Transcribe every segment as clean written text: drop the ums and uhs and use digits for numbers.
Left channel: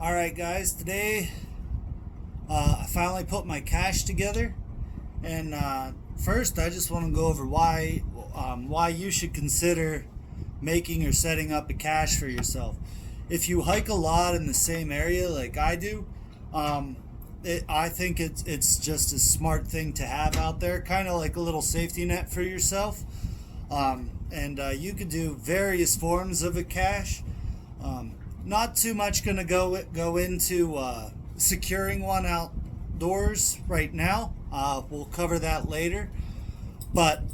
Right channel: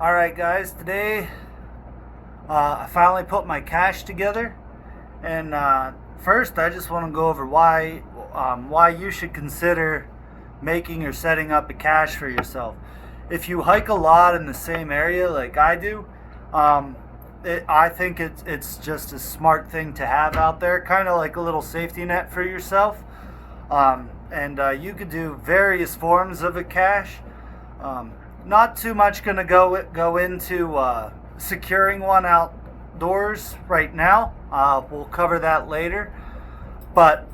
Alright guys, today I finally put my cash together, and first I just want to go over why you should consider making or setting up a cache for yourself. If you hike a lot in the same area like I do, I think it's just a smart thing to have out there, kind of like a little safety net for yourself. And you could do various forms of a cache. Not too much going to go into securing one outdoors right now. We'll cover that later. But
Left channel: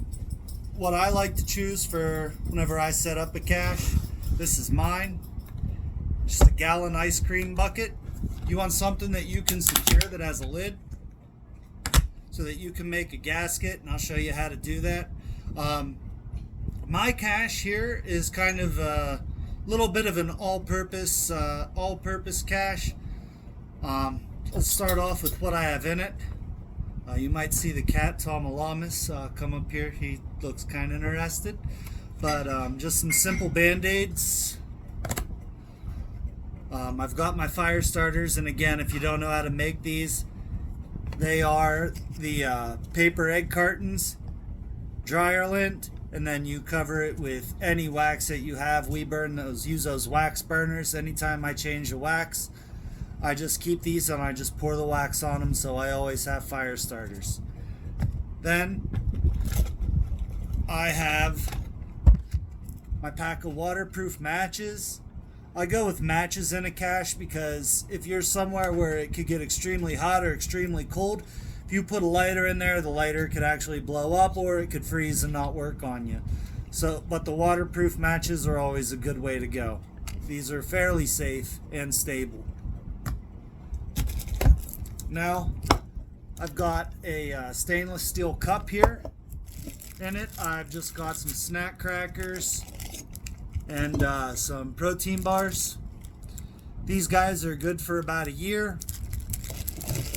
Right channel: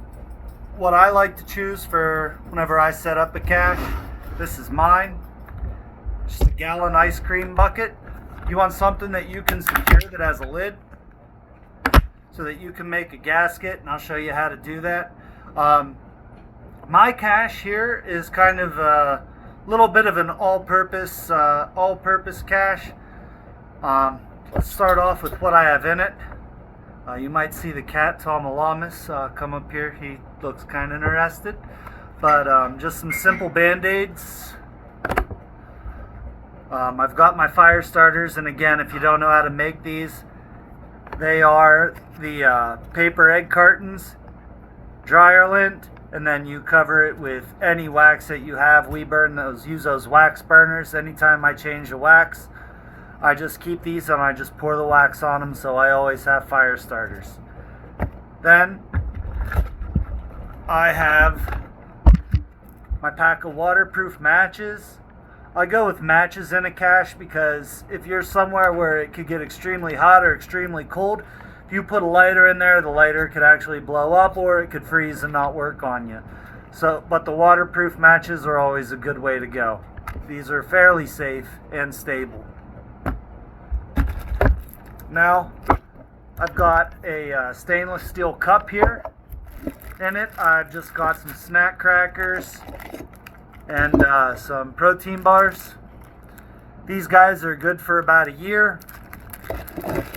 what I like to choose for whenever I set up a cache, this is mine. Just a gallon ice cream bucket. You want something that you can secure that has a lid so that you can make a gasket, and I'll show you how to do that. My cache here is kind of a little bit of an all-purpose cache. Let's start off with what I have in it. You might see the cat Tomalamus come up here. He looks kind of interested. But just some simple band-aids. I've got my fire starters, and again, if you don't know how to make these, they are the paper egg cartons, dryer lint, and then you cover it with any wax that you have. We use those wax burners. Anytime I change the wax, I just keep these and I just pour the wax on them, so I always have fire starters. Then I have my pack of waterproof matches. I go with matches in a cache because if you're somewhere where it could get extremely hot or extremely cold, if you put a lighter in there, the lighter could actually blow up or it could freeze and not work on you. But the waterproof matches are always a good way to go. These are fairly safe and stable. Now, I've got a stainless steel cup here. In it, I've just got some snack crackers and some protein bars. These guys are good for about a year,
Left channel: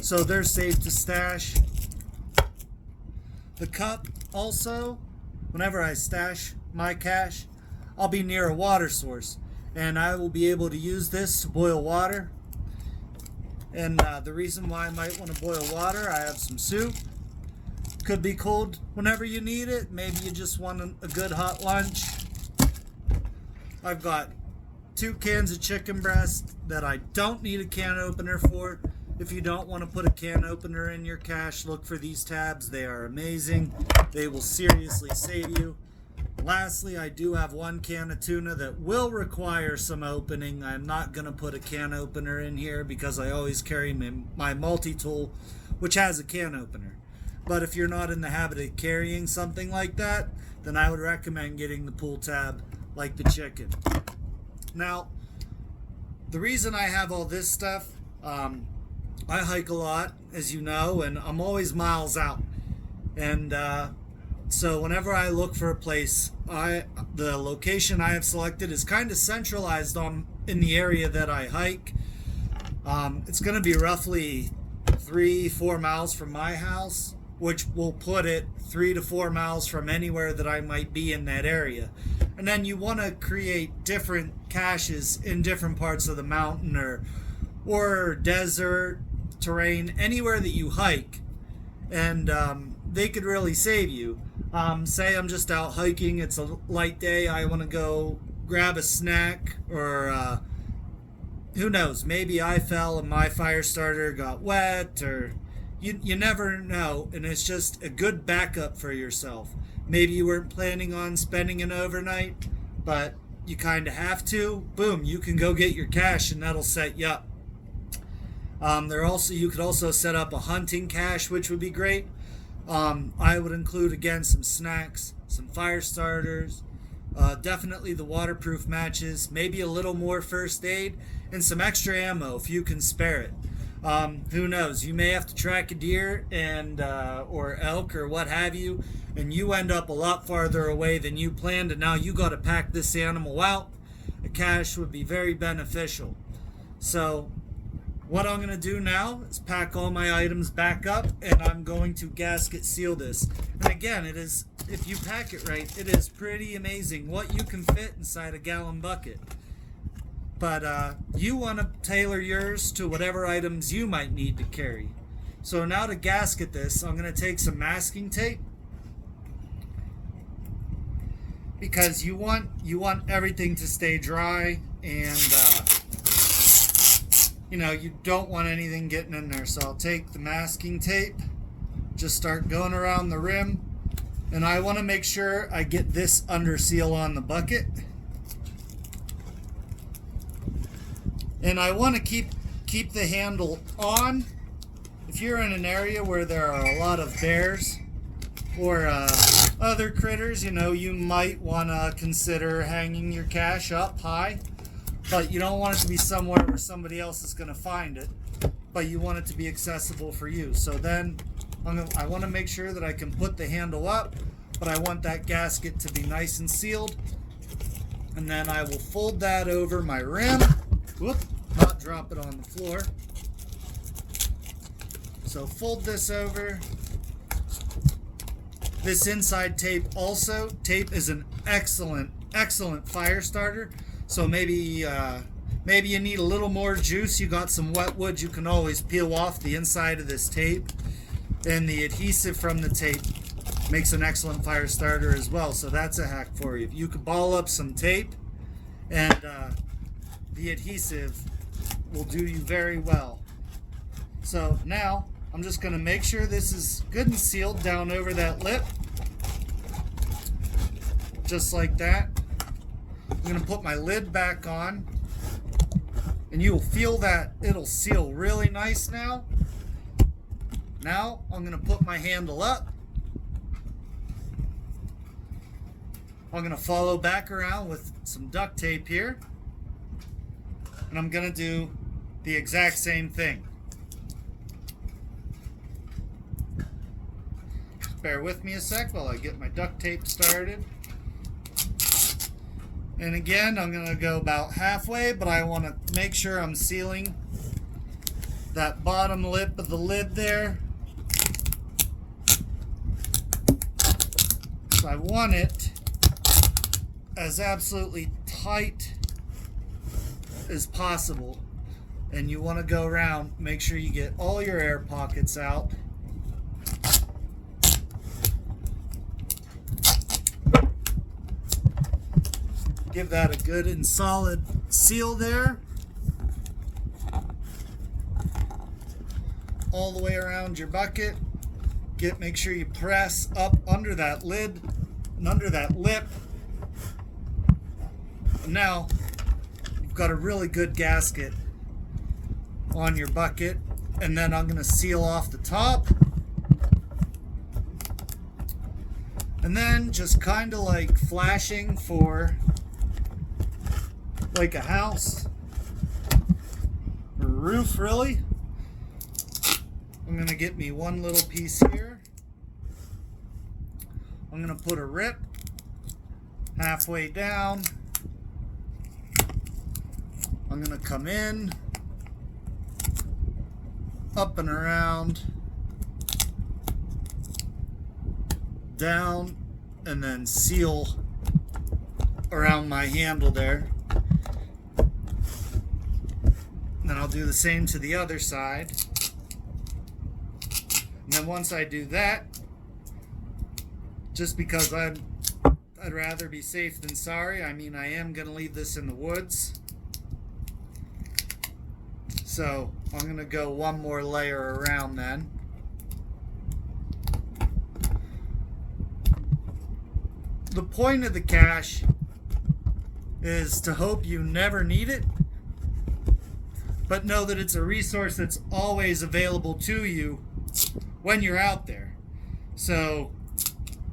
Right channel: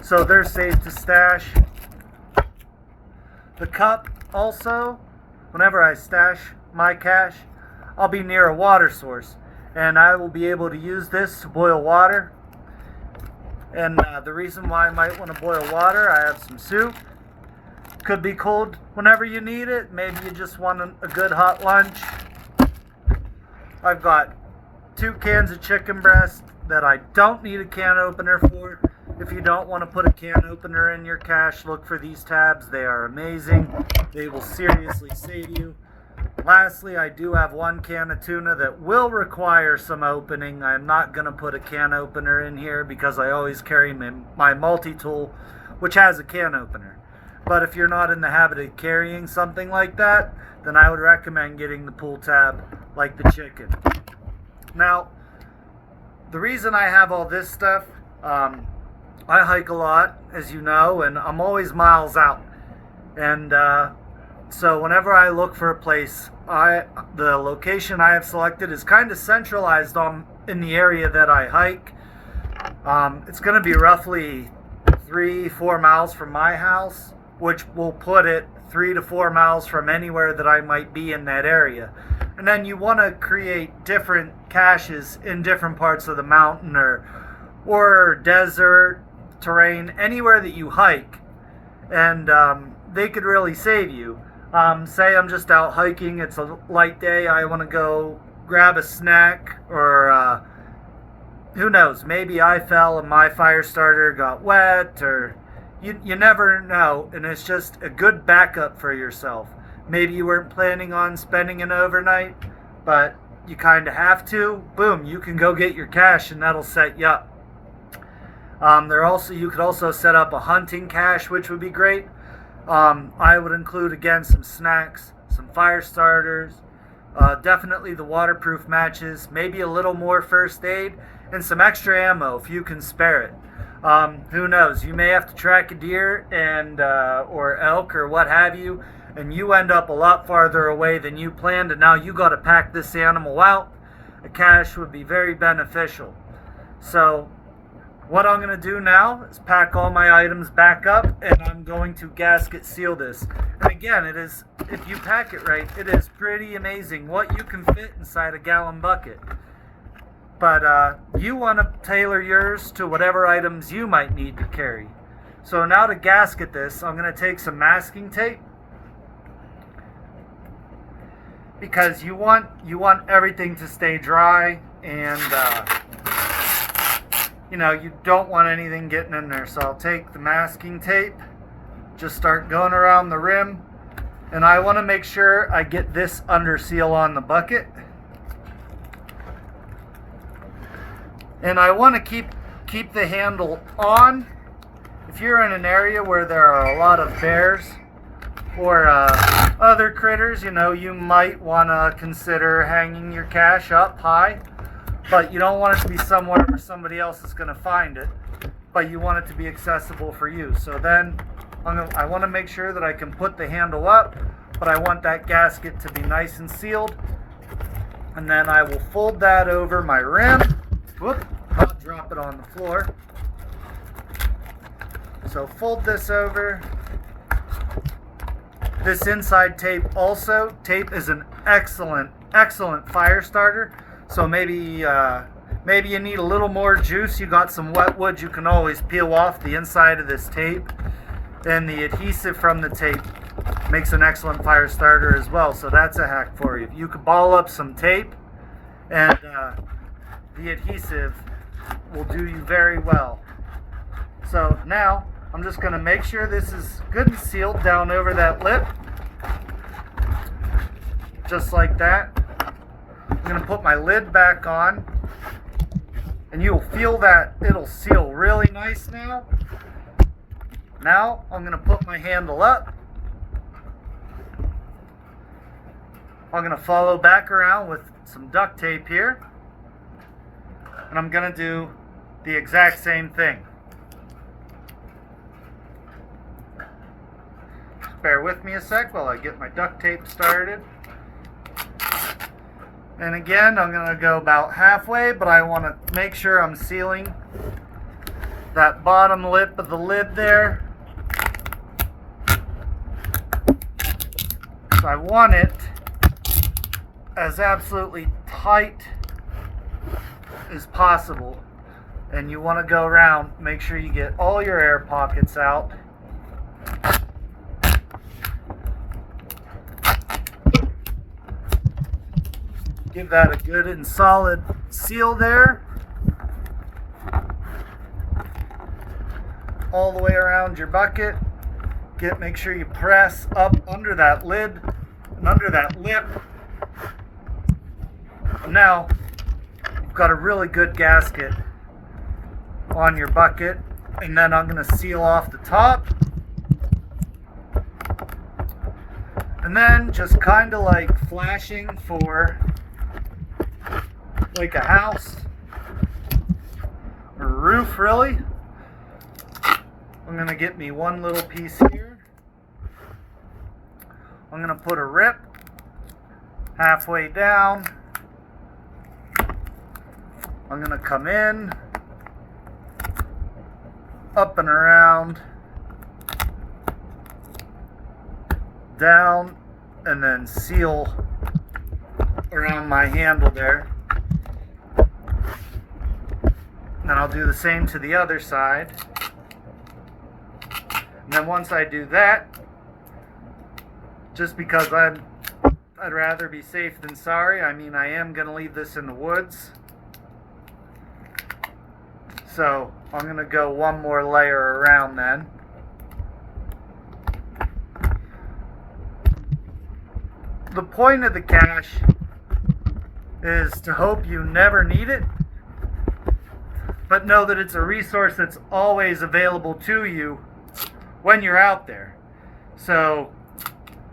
so they're safe to stash. The cup also, whenever I stash my cache, I'll be near a water source, and I will be able to use this to boil water. And the reason why I might want to boil water, I have some soup. Could be cold whenever you need it. Maybe you just want a good hot lunch. I've got 2 cans of chicken breast that I don't need a can opener for. If you don't want to put a can opener in your cache, look for these tabs. They are amazing. They will seriously save you. Lastly, I do have 1 can of tuna that will require some opening. I'm not going to put a can opener in here because I always carry my multi-tool, which has a can opener. But if you're not in the habit of carrying something like that, then I would recommend getting the pull tab like the chicken. Now, the reason I have all this stuff, I hike a lot, as you know, and I'm always miles out. And so whenever I look for a place, the location I have selected is kind of centralized in the area that I hike. It's going to be roughly 3-4 miles from my house, which will put it 3 to 4 miles from anywhere that I might be in that area. And then you want to create different caches in different parts of the mountain or desert terrain, anywhere that you hike, and they could really save you. Say I'm just out hiking, it's a light day, I want to go grab a snack, or who knows, maybe I fell and my fire starter got wet, or you never know, and it's just a good backup for yourself. Maybe you weren't planning on spending an overnight, but you kind of have to. Boom, you can go get your cache and that'll set you up. You could also set up a hunting cache, which would be great. I would include, again, some snacks, some fire starters, definitely the waterproof matches, maybe a little more first aid, and some extra ammo if you can spare it. Who knows, you may have to track a deer and or elk or what have you, and you end up a lot farther away than you planned, and now you got to pack this animal out. A cache would be very beneficial. So what I'm going to do now is pack all my items back up, and I'm going to gasket seal this. And again, if you pack it right, it is pretty amazing what you can fit inside a gallon bucket. but you want to tailor yours to whatever items you might need to carry. So now to gasket this, I'm going to take some masking tape, because you want everything to stay dry, and you don't want anything getting in there. So I'll take the masking tape, just start going around the rim, and I want to make sure I get this under seal on the bucket. And I want to keep the handle on. If you're in an area where there are a lot of bears or other critters, you might want to consider hanging your cash up high, but you don't want it to be somewhere where somebody else is going to find it, but you want it to be accessible for you. So then I want to make sure that I can put the handle up, but I want that gasket to be nice and sealed. And then I will fold that over my rim. Whoop, not drop it on the floor. So fold this over. This inside tape is an excellent fire starter. So maybe you need a little more juice. You got some wet wood, you can always peel off the inside of this tape. And the adhesive from the tape makes an excellent fire starter as well. So that's a hack for you. You could ball up some tape, and the adhesive will do you very well. So now I'm just going to make sure this is good and sealed down over that lip, just like that. I'm going to put my lid back on, and you'll feel that it'll seal really nice now. Now I'm going to put my handle up. I'm going to follow back around with some duct tape here, and I'm going to do the exact same thing. Bear with me a sec while I get my duct tape started. And again, I'm going to go about halfway, but I want to make sure I'm sealing that bottom lip of the lid there. So I want it as absolutely tight as possible. And you want to go around, make sure you get all your air pockets out. Give that a good and solid seal there. All the way around your bucket. Make sure you press up under that lid and under that lip. Now you've got a really good gasket on your bucket, and then I'm going to seal off the top. And then just kind of like flashing for like a house or a roof, really. I'm going to get me one little piece here. I'm going to put a rip halfway down. I'm going to come in, up and around, down, and then seal around my handle there. Then I'll do the same to the other side. And then once I do that, just because I'd rather be safe than sorry, I mean, I am going to leave this in the woods. So I'm going to go one more layer around then. The point of the cache is to hope you never need it, but know that it's a resource that's always available to you when you're out there. So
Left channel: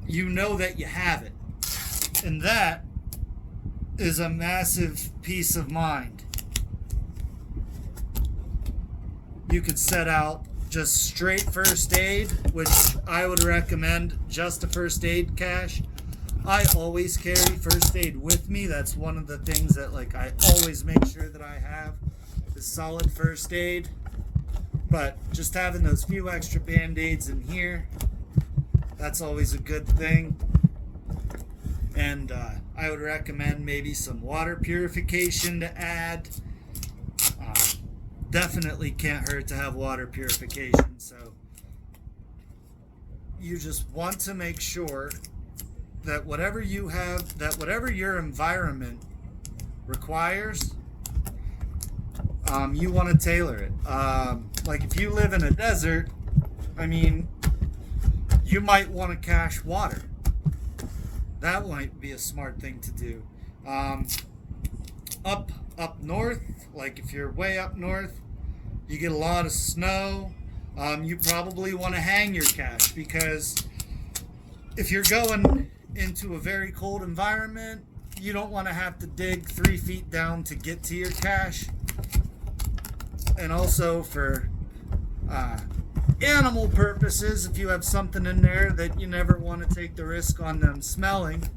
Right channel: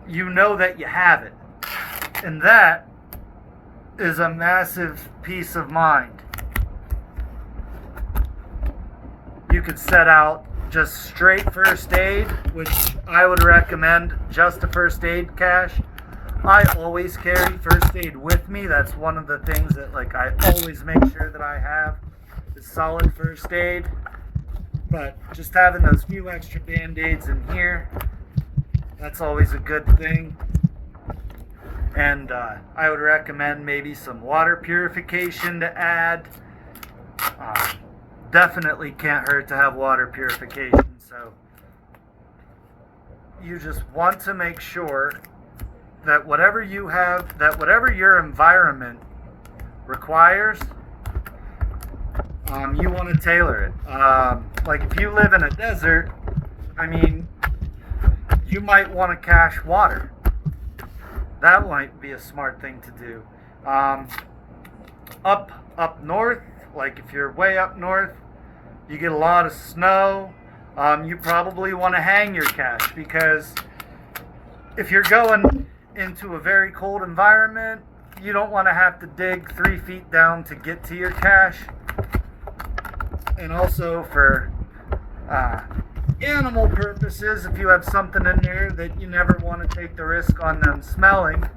you know that you have it. And that is a massive peace of mind. You could set out just straight first aid, which I would recommend just a first aid cache. I always carry first aid with me. That's one of the things that I always make sure that I have is solid first aid. But just having those few extra band-aids in here, that's always a good thing. And I would recommend maybe some water purification to add. Definitely can't hurt to have water purification. So you just want to make sure that whatever you have, that whatever your environment requires, you want to tailor it. Like if you live in a desert, I mean, you might want to cache water. That might be a smart thing to do. Up north, like if you're way up north, you get a lot of snow. You probably want to hang your cache, because if you're going into a very cold environment, you don't want to have to dig 3 feet down to get to your cache. And also for animal purposes, if you have something in there that you never want to take the risk on them smelling,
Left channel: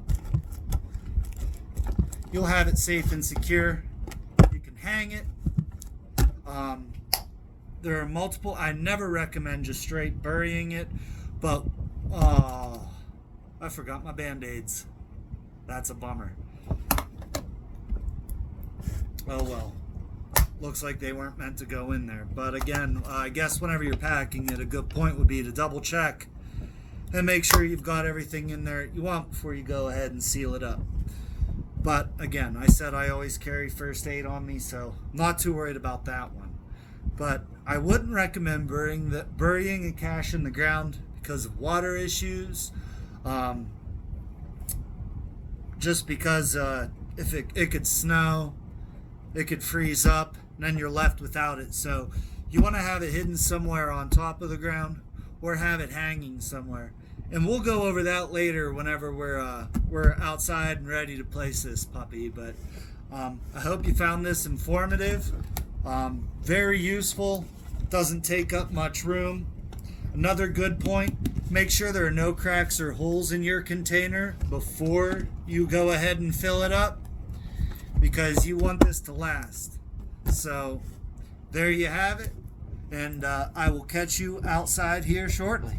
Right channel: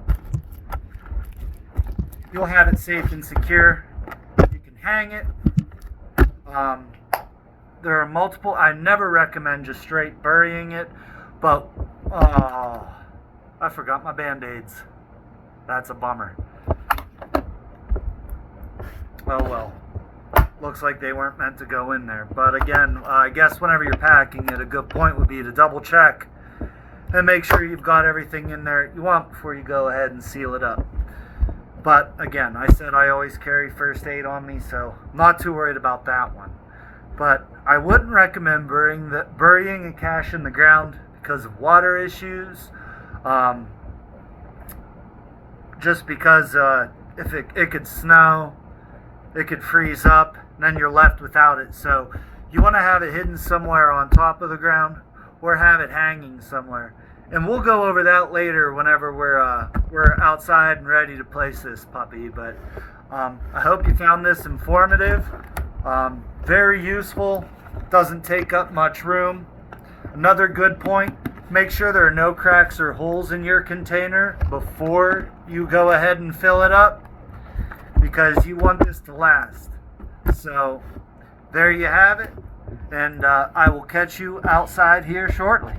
you'll have it safe and secure. You can hang it. There are multiple. I never recommend just straight burying it, but I forgot my band-aids. That's a bummer. Oh well. Looks like they weren't meant to go in there. But again, I guess whenever you're packing it, a good point would be to double check and make sure you've got everything in there you want before you go ahead and seal it up. But again, I said I always carry first aid on me, so I'm not too worried about that one. But I wouldn't recommend burying a cache in the ground because of water issues. Just because if it could snow, it could freeze up, and then you're left without it. So you want to have it hidden somewhere on top of the ground, or have it hanging somewhere. And we'll go over that later whenever we're outside and ready to place this puppy. But I hope you found this informative, very useful, doesn't take up much room. Another good point, make sure there are no cracks or holes in your container before you go ahead and fill it up, because you want this to last. So there you have it, and I will catch you outside here shortly.